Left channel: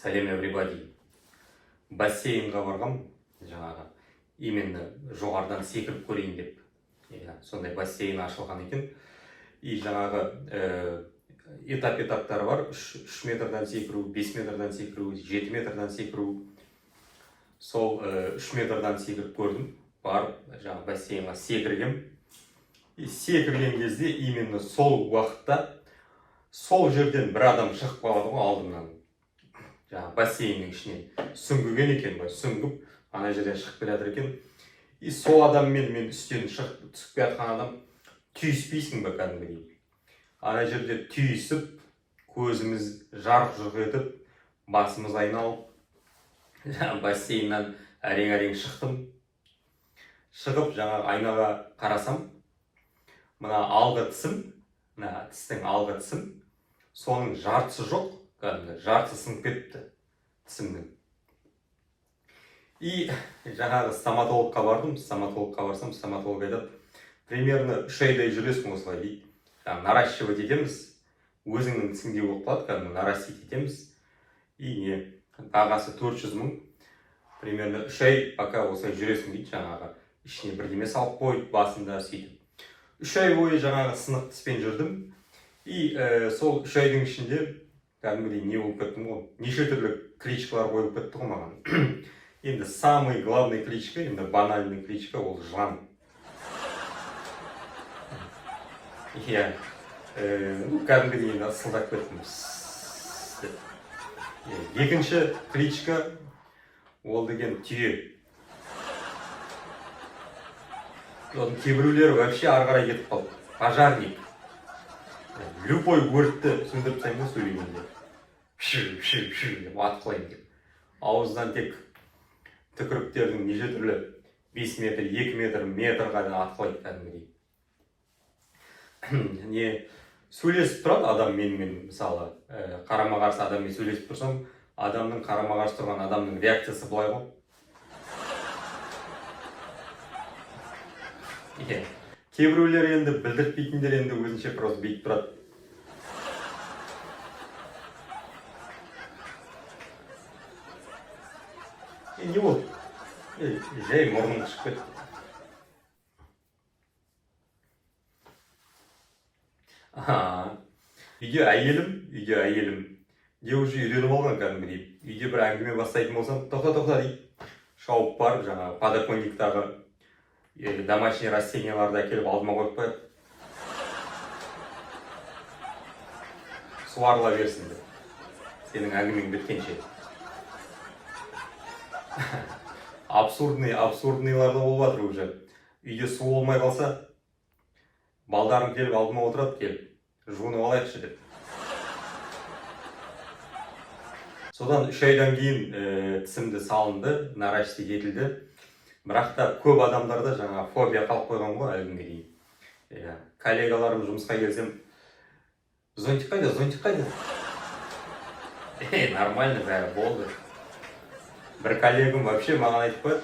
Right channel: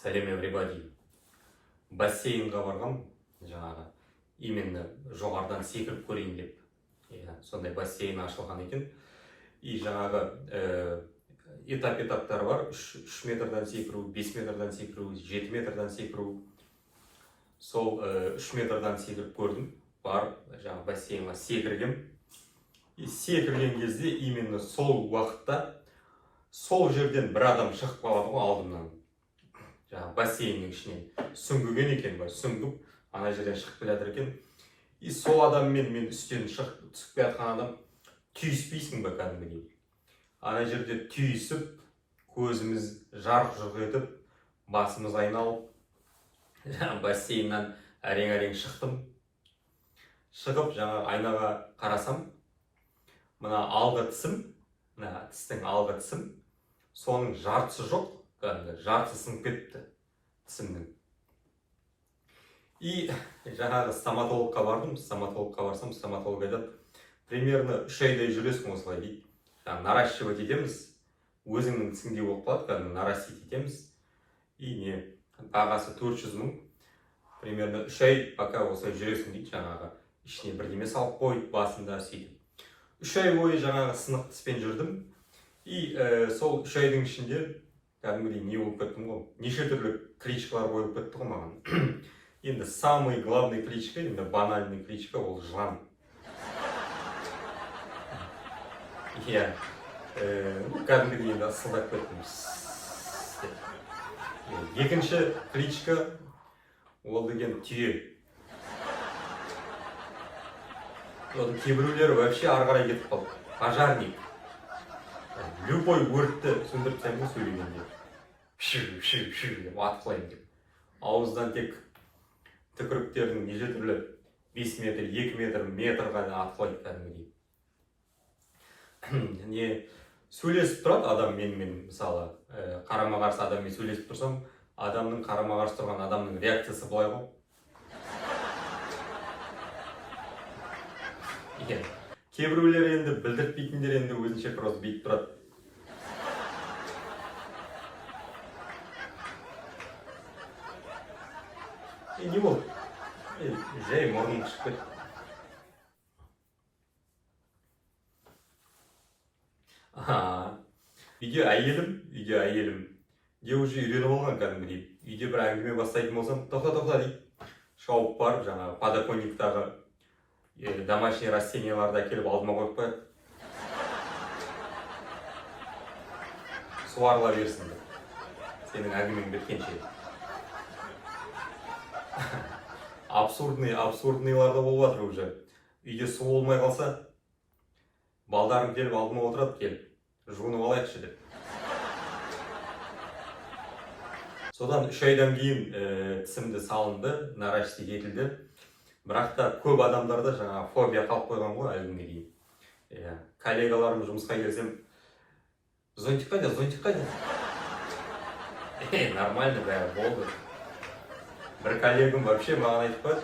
Сәлем everybody. Бассейнға барғам, жаңағы именно жоғарыдан секіріп көрейін деп. Сондай бассейн ашылған екен. И жаңағы этап-этаптары бар. 3 метрдан секіру, 5 метрдан секіру, 7 метрдан секіру. Сол 3 метрдан секіріп көрдім. Барып, жаңағы бассейнға секіргем. И секірген кезде именно сол уақытта сол жерден бір адам шығып қалады ғой алдымнан. Жаңағы бассейннің ішінен сүңгіген екен бай, сүңгіп ана жерден шығып келе жатыр екен. И сол адаммен мен үстен шығып түсіп келе жатқан адам түйіспейсің ба кәдімгідей. Ана жерде түйісіп, көзіміз жарқ-жұрқ етіп, басымыз айналып, бассейннен әрең-әрең шықтым. Шығып жаңағы айнаға қарасам, мына алғы тісім, мына тістің алғы тісім, соның жартысы жоқ, кәдімгі жартысы сынып кетті тісімнің. И жаңағы стоматологқа бардым, стоматологқа барсам, стоматолог айтады, примерно 3 айдай жүресің осылай дейді. Жаңағы наращивать етеміз, өзіңнің тісіңдей болып қалады, кәдімгі нарастить етеміз. И не, бағасы 400 000, примерно 3 ай пока осылай жүресің дейді, жаңағы ішіне бірдеме салып қойып, басында сөйтіп. 3 ай бойы жаңағы сынық тіспен жүрдім. И сол 3 айдың ішінде кәдімгідей не болып кеттім ғой, неше түрлі кличкалар қойып кетті ғой маған. Енді самый главный кличка, енді банальный кличка ол жылан. Иә, кәдімгідей енді ысылдап кеттім. Екінші кличка ол деген түйе. Кейбіреулері вообще ары қарай кетіп қалды. Пожарник. Любой өртті сөндіріп тастаймын ғой сөйлегенде. Пшу деп атқылаймын деп. Ауыздан тек түкіріктердің неше түрлі 5 метр, 2 метр, метрға да атқылайды кәдімгідей. Не сөйлесіп тұрады адам менімен, мысалы, қарама-қарсы адаммен сөйлесіп тұрсам, адамның қарама-қарсы тұрған адамның реакциясы былай ғой. Кейбіреулер енді білдіртпейтіндер енді өзінше просто бүйтіп тұрады. Не болды? Жай мұрным шығып кетті. Үйде әйелім де уже үйреніп алған кәдімгідей. Үйде бір әңгіме бастайтын болсам, тоқта дейді. Шауып барып, жаңағы подоконниктағы домашний растенияларды әкеліп алдыма қойып қояды. Суарыла берсін деп. Сенің әңгімең біткенше. Абсурдныйлар да болып жатыр уже. Үйде су болмай қалса, балдарым келіп алдыма отырады, келіп, жуынып алайықшы деп. Содан 3 айдан кейін тісімді салынды, наращивать етілді. Бірақ та көп адамдарда жаңа фобия қалып қойған ғой әлгінге дейін. Коллегаларым жұмысқа келсем, зонтик қайда? Нормально бәрі болды. Бір коллегам вообще маған айтып қойды,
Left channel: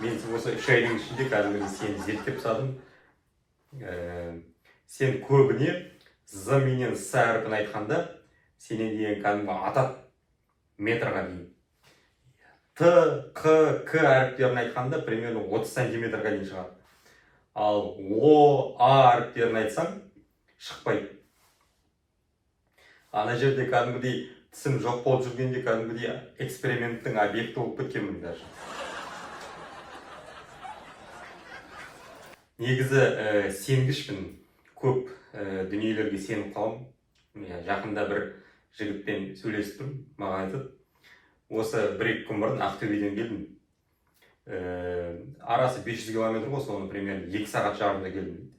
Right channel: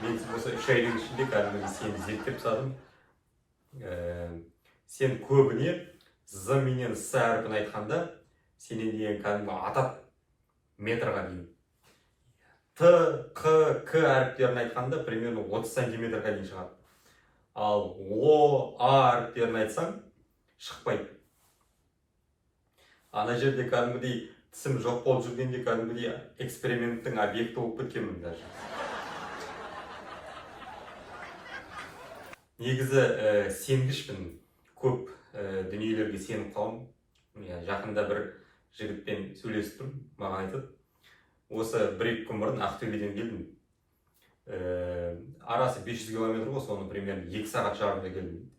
мен осы 3 айдың ішінде кәдімгідей сені зерттеп тастадым. Сен көбіне з менен с әрпін айтқанда, сенен деген кәдімгі атат метрға дейін. Т, Қ, К әріптерін айтқанда примерно 30 сантиметрға дейін шығады. Ал О, А әріптерін айтсаң, шықпайды. Ана жерде кәдімгідей тісім жоқ болып жүргенде кәдімгідей эксперименттің объекті болып кеткенмін даже. Негізі сенгішпін, көп дүниелерге сеніп қалам. Жақында бір жігітпен сөйлесіп тұрмын, маған айтады. Осы 1-2 күн бұрын Ақтөбеден келдім. Арасы 500 километр ғой, соны примерно 2 сағат жарымда келдім.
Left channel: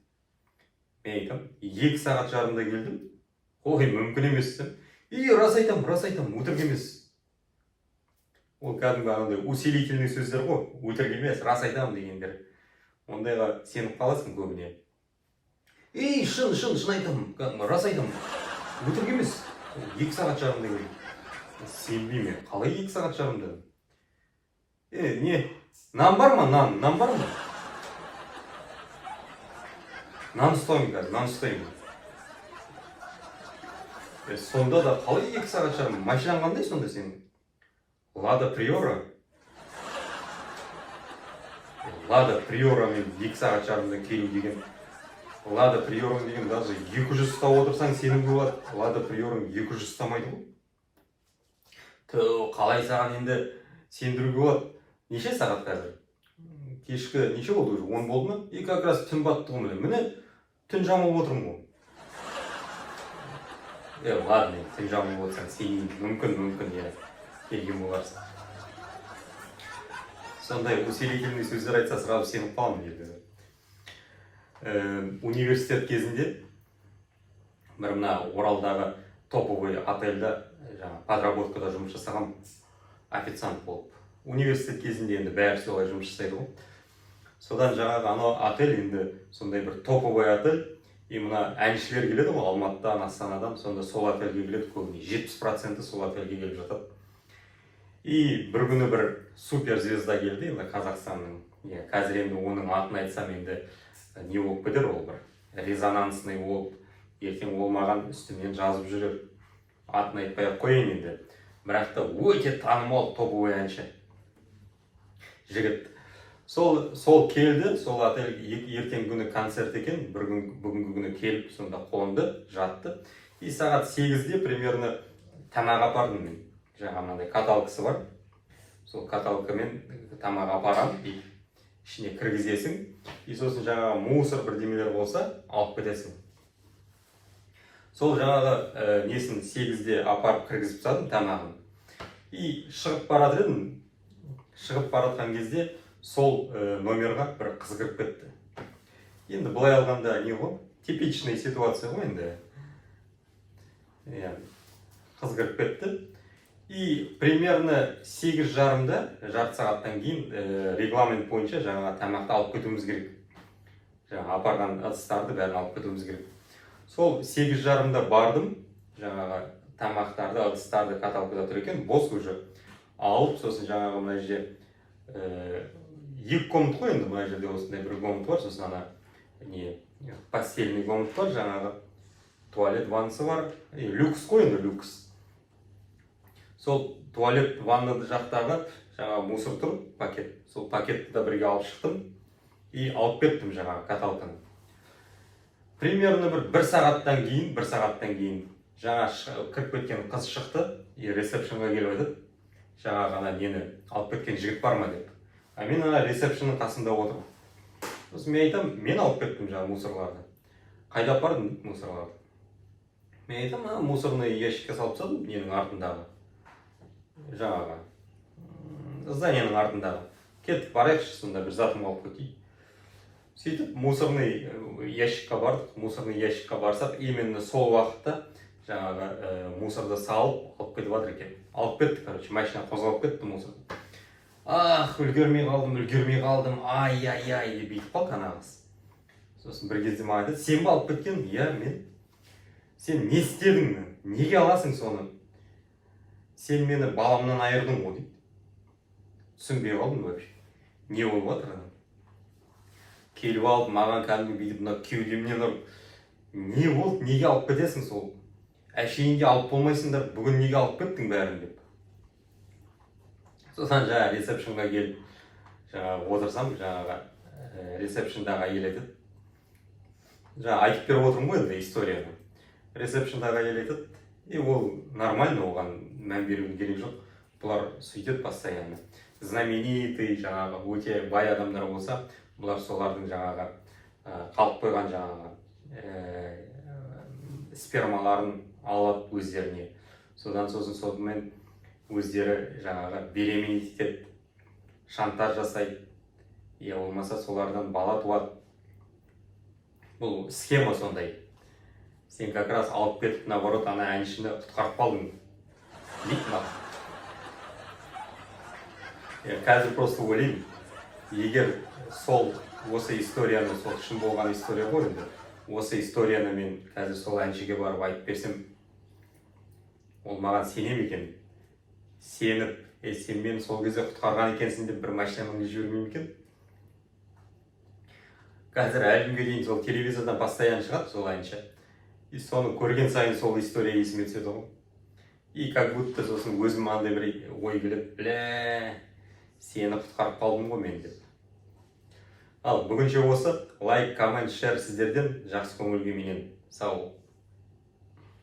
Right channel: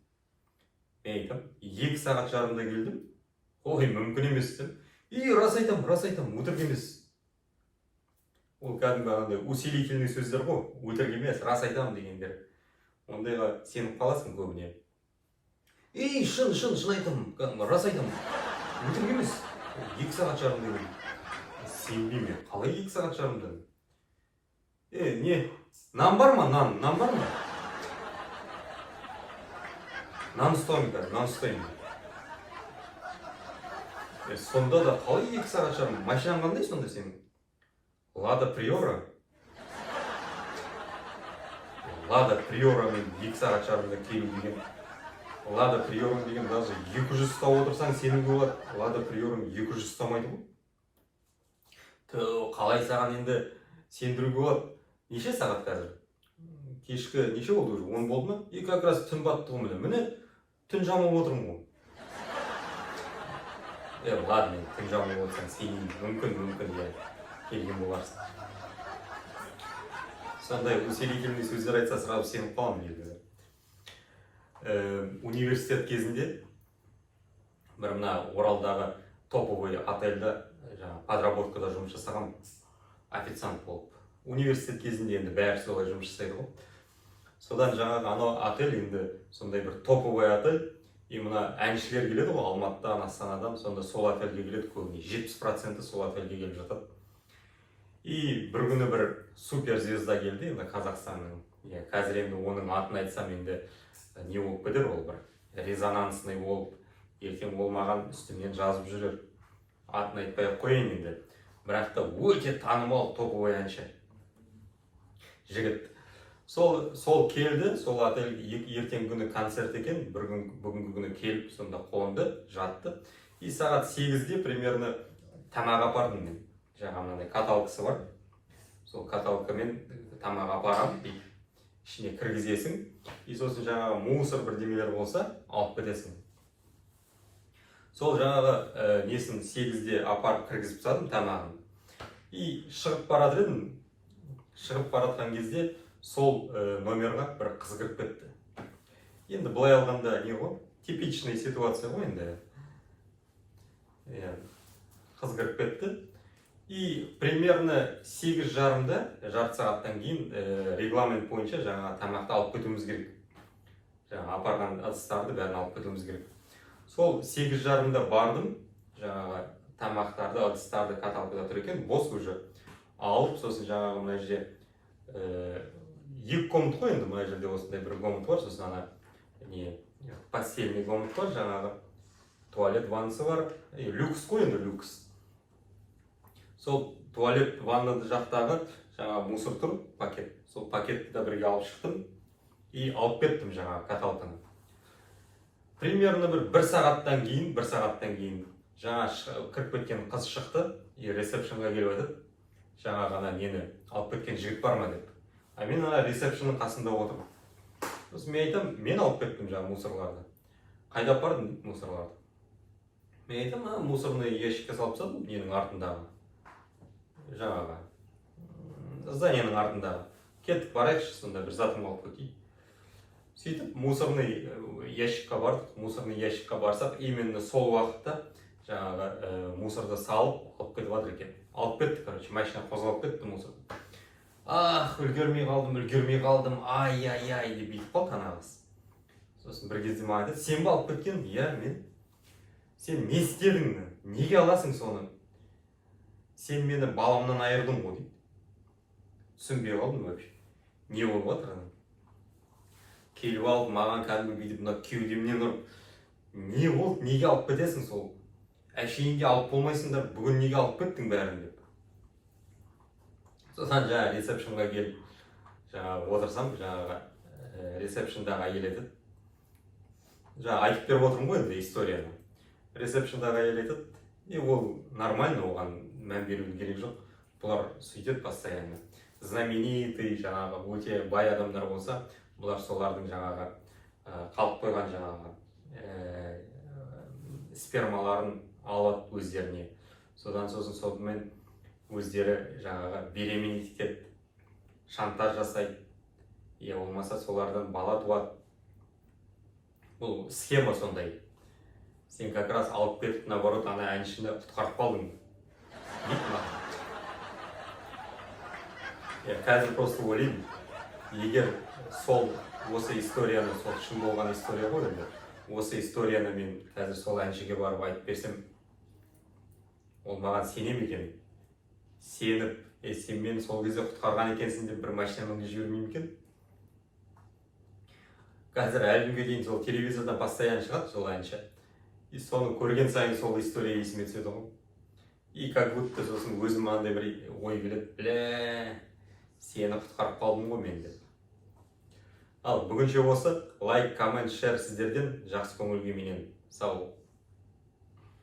Мен айтам, 2 сағат жарымда келдім. Ой, мүмкін емес десем. Рас айтам, өтірік емес. Ол кәдімгі анандай усилительный сөздер ғой, өтірік емес, рас айтам дегендер. Ондайға сеніп қаласың көбіне. Шын айтам, рас айтам, өтірік емес. 2 сағат жарымда келдім. Сенбейме, қалай 2 сағат жарымда? Не? Нан бар ма? Нан бар ма? Нан ұстаймын. Сонда да қалай 2 сағат жарым? Машинаң қандай сонда сенің? Лада Приора. Лада Приорамен 2 сағат жарымда келу деген. Лада Приорам деген даже 200 ұстап отырсаң сенің болады. Лада Приорам 200 ұстамайды ғой. Қалай саған енді сендіруге болады? Неше сағат қазір? Кешкі неше болды уже? 10 болды ма? Как раз түн батты ғой міне. Түн жамылып отырмын ғой. Ладно, түн жамылып отырсаң сен мүмкін келген боларсың. Сондай усилительный сөздер айтса сразу сеніп қаламын негізі. Университет кезінде бір мына Оралдағы топовый отельда подработкада жұмыс жасаған официант болып. Университет кезінде енді бәрі солай жұмыс жасайды ғой. Содан жаңағы анау отель енді сондай бір топовый отель. И мына әншілер келеді ғой Алматыдан, Астанадан, сонда сол отельге келеді көбіне. 70% сол отельге келіп жатады. И бір күні бір суперзвезда келді, енді Қазақстанның. Қазір енді оның атын айтсам енді не болып кетер, ол бір резонансный болып, ертең ол маған үстімнен жазып жүрер. Атын айтпай-ақ қояйын енді. Бірақ та өте танымал топовый әнші жігіт. Сол келді, сол отельге ертең күні концерт екен, бүгінгі күні келіп, сонда қонды, жатты. И сағат 8-де примерно тамақ апардым мен. Жаңа мынандай каталкасы бар. Сол каталкамен тамақ апарам, ішіне кіргізесің. И сосын жаңағы мусор бірдемелер болса, алып кетесің. Сол жаңағы несін 8-де апарып кіргізіп тастадым тамағын. И шығып барады едім. Шығып баратқан кезде сол номерға бір қыз кіріп кетті. Енді былай алғанда не ғой? Типичный ситуация ғой енді. Қыз кіріп кетті. И примерно 8:30-да, жарты сағаттан кейін регламент бойынша жаңа тамақты алып кетуіміз керек. Жаңа апарған ыдыстарды бәрін алып кетуіміз керек. Сол 8:30-да бардым, жаңағы тамақтарды, ыдыстарды каталкада тұр екен, бос уже алып, сосын жаңағы мына жерде 2 комнат қой енді, мына жерде осындай бір комнат бар, сосын ана постельный комнат бар, жаңағы туалет, ваннасы бар, люкс қой енді, люкс. Сол туалет, ваннады жақтағы жаңағы мусор тұр, пакет. Сол пакетті да бірге алып шықтым и алып кеттім жаңағы каталканы. Примерно бір сағаттан кейін жаңа кіріп кеткен қыз шықты и ресепшнға келіп айтады. Жаңа ғана нені алып кеткен жігіт бар ма деп. А мен ана ресепшнның қасында отырмын. Сосын мен айтам, мен алып кеттім жаңа мусорларды. Қайда апардың мусорларды? Мен айтам, мусорный ящикке салып тастадым, ненің артындағы. Жаңағы зданиенің артындағы. Кеттік барайықшы, сонда бір затым алып кетейін. Сөйтіп мусорный ящикқа бардық. Мусорный ящикқа барсақ, именно сол уақытта жаңағы мусорды салып алып кетіп жатыр екен. Алып кетті, короче, машина қозғалып кетті мусорды. Үлгермей қалдым, ай-яй-яй деп бүйтіп қалды қанағыз. Сосын бір кезде маған айтады, сен бе алып кеткен? Мен. Сен не істедің? Неге аласың соны? Сен мені баламнан айырдың ғой дейді. Түсінбей қалдым вообще. Не болып жатыр? Келіп алып, маған кәдімгі бүйтіп мына кеудемнен ұрып, не болды? Неге алып кетесің сол? Әшейінде алып болмайсыңдар, бүгін неге алып кеттің бәрін деп. Содан жаңа ресепшнға келіп, жаңа отырсам, жаңаға ресепшндағы әйел айтады. Жаңа айтып беріп отырмын ғой енді историяны. Ресепшндағы әйел айтады, ол нормально, оған мән берудің керек жоқ. Бұлар сөйтеді постоянно. Знаменитый, жаңағы өте бай адамдар болса, бұлар солардың жаңағы қалып қойған жаңағы спермаларын алады өздеріне. Содан өздері жаңағы беременеть етеді, шантаж жасайды. Болмаса солардан бала туады. Бұл схема сондай. Сен как раз алып кетіп, наоборот, ана әншіні құтқарып қалдың. Дейді ма? Қазір просто ойлаймын, егер осы историяны, сол шын болған история ғой енді, осы историяны мен қазір сол әншіге барып айтып берсем, ол маған сенем екен. Сеніп, сен мені сол кезде құтқарған екенсің деп бір машинамды жібермейм екен. Қазір әлі күнге дейін сол телевизордан постоянно шығады сол әнші. И соны көрген сайын сол история есіме түседі ғой. И как будто сосын өзім андай бір ой келеді, бля, сені құтқарып қалдым ғой мен деп. Ал бүгінше осы. Лайк, коммент, шер сіздерден. Жақсы көңіл күйменен сау